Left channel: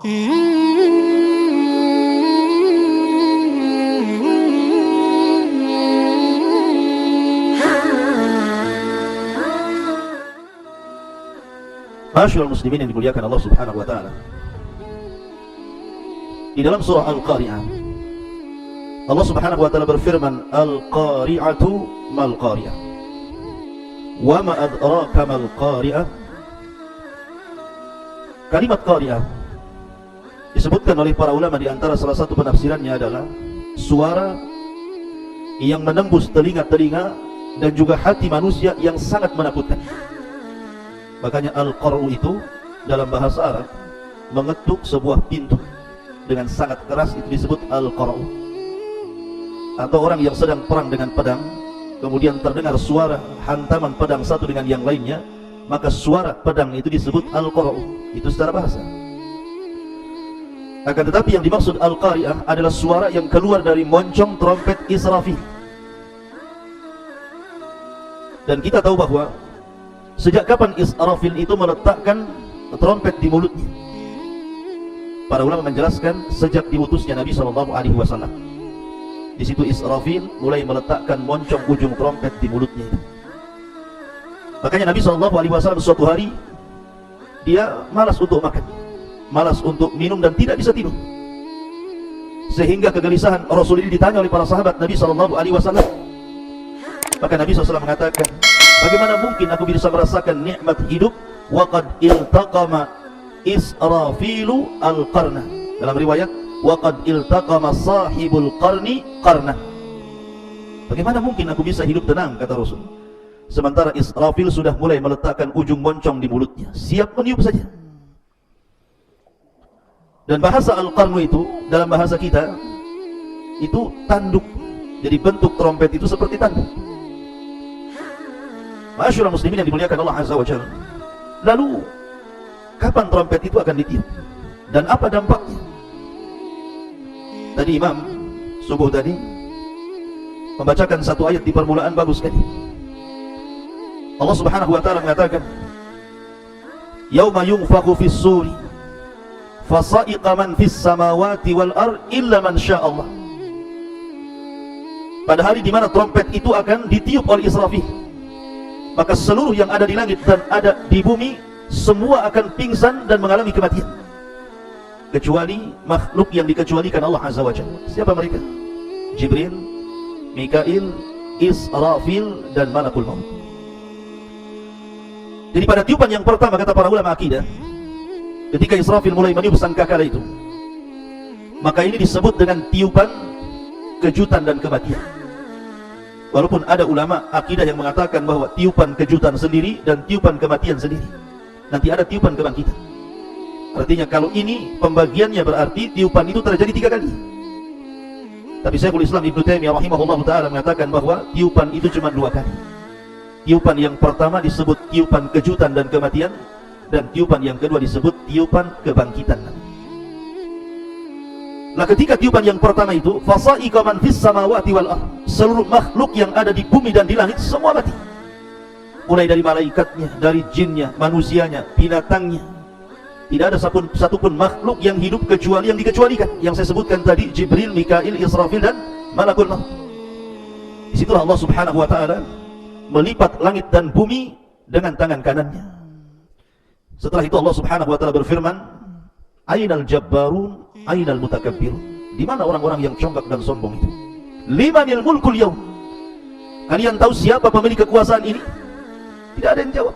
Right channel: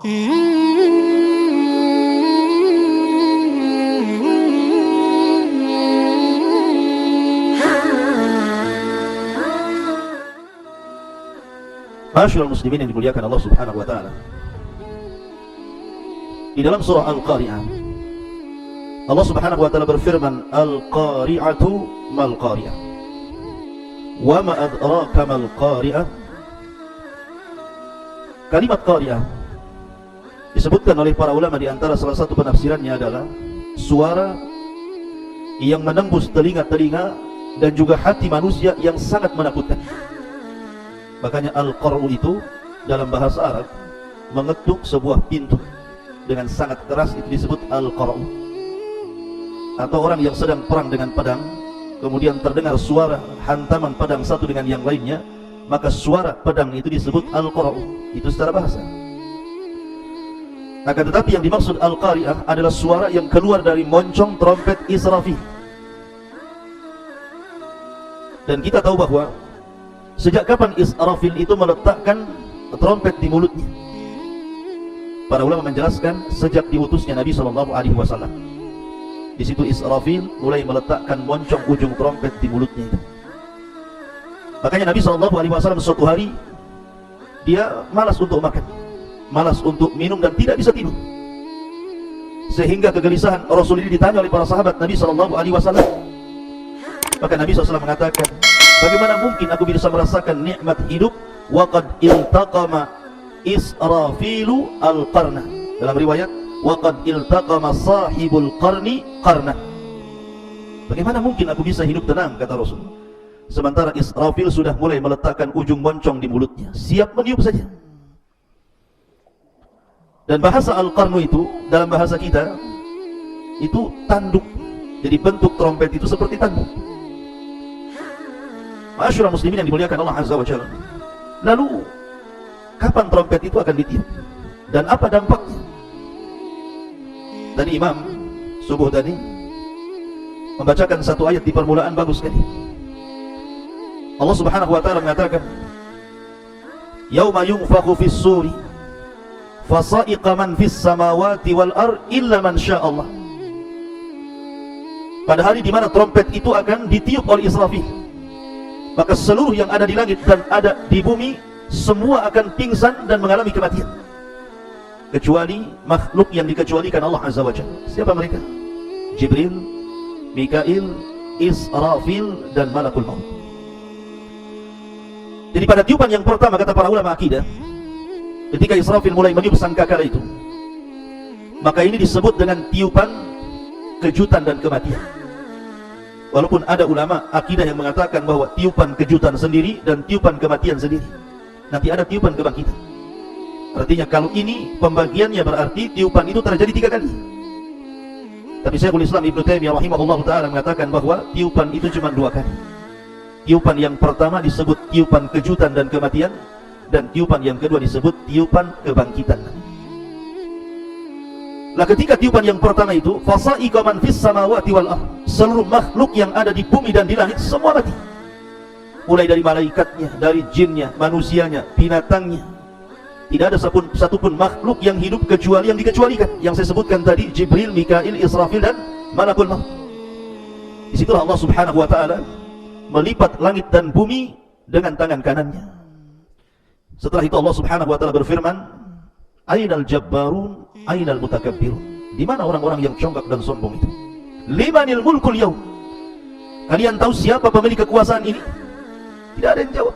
Masyaallah muslimin yang dimuliakan Allah Subhanahu wa taala. Di dalam surah Al-Qari'ah Allah Subhanahu wa taala berfirman, Al-Qari'atu mal Qari'ah. Wa ma adraka mal Qari'ah. Kalimat Qari'ah disebutkan oleh para ulama, di antara salah satu penafsirannya adalah suara yang menembus telinga-telinga dan juga hati manusia yang sangat menakutkan. Makanya Al-Qar'u itu dalam bahasa Arab mengetuk sebuah pintu dengan sangat keras, itu disebut Al-Qar'u. Atau orang yang sedang perang dengan pedang, kemudian terdengar suara hantaman pedang satu dengan yang lainnya, maka suara pedang itu disebut Al-Qar'u. Itu secara bahasa. Akan tetapi yang dimaksud Al-Qari'ah adalah suara yang keluar dari moncong trompet Israfil. Dan kita tahu bahwa sejak kapan Israfil itu meletakkan trompet di mulutnya? Para ulama menjelaskan sejak diutusnya Nabi SAW. Di situ Israfil mulai meletakkan moncong ujung trompet di mulutnya. Makanya Nabi SAW suatu hari dia malas untuk makan, malas untuk minum, dan tidak bisa tidur. Sehingga kegelisahan Rasul ini ditanya oleh para sahabat Nabi SAW. Maka Nabi SAW mengatakan, bagaimana mungkin aku bisa merasakan nikmat hidup waqad iltaqama Israfilu al-qarna. Dalam riwayat waqad iltaqama sahibul qarni qarna. Bagaimana mungkin aku bisa hidup tenang, kata Rasul, sementara Israfil sudah mulai meletakkan ujung moncong di mulutnya, siap meniup saja. Dan bahasa al-qarnu itu dalam bahasa kita itu tanduk. Jadi bentuk trompet itu seperti tanduk. Masyaallah muslimin yang dimuliakan Allah Azza wa Jalla. Lalu kapan trompet itu akan ditiup dan apa dampaknya? Tadi Imam subuh tadi membacakan satu ayat di permulaan, bagus sekali. Allah Subhanahu wa taala mengatakan, yauma yunfakhu fis suri fasa'iqa man fis samawati wal ard illa man syaa Allah. Pada hari di mana trompet itu akan ditiup oleh Israfil, maka seluruh yang ada di langit dan ada di bumi semua akan pingsan dan mengalami kematian, kecuali makhluk yang dikecualikan Allah Azza wa Jalla. Siapa mereka? Jibril, Mikail, Israfil, dan Malakul Maut. Jadi pada tiupan yang pertama, kata para ulama akidah, ketika Israfil mulai meniup sangkakala itu, maka ini disebut dengan tiupan kejutan dan kematian. Walaupun ada ulama akidah yang mengatakan bahwa tiupan kejutan sendiri dan tiupan kematian sendiri, nanti ada tiupan kebangkitan. Artinya kalau ini pembagiannya berarti tiupan itu terjadi 3 kali. Tapi Syekhul Islam Ibnu Taimiyah rahimahullah ta'ala mengatakan bahwa tiupan itu cuma 2 kali. Tiupan yang pertama disebut tiupan kejutan dan kematian, dan tiupan yang kedua disebut tiupan kebangkitan. Nah, ketika tiupan yang pertama itu, fasa'iqa man fis samawati wal ardh, seluruh makhluk yang ada di bumi dan di langit semua mati. Mulai dari malaikatnya, dari jinnya, manusianya, binatangnya. Tidak ada satupun makhluk yang hidup kecuali yang dikecualikan, yang saya sebutkan tadi, Jibril, Mikail, Israfil, dan Malakul Maut. Disitulah Allah Subhanahu wa ta'ala melipat langit dan bumi dengan tangan kanannya. Setelah itu Allah Subhanahu wa ta'ala berfirman, Ainal jabbarun, ainal mutakabbirun. Di mana orang-orang yang congkak dan sombong itu? Limanil mulkul yaum. Kalian tahu siapa pemilik kekuasaan ini? Tidak ada yang jawab.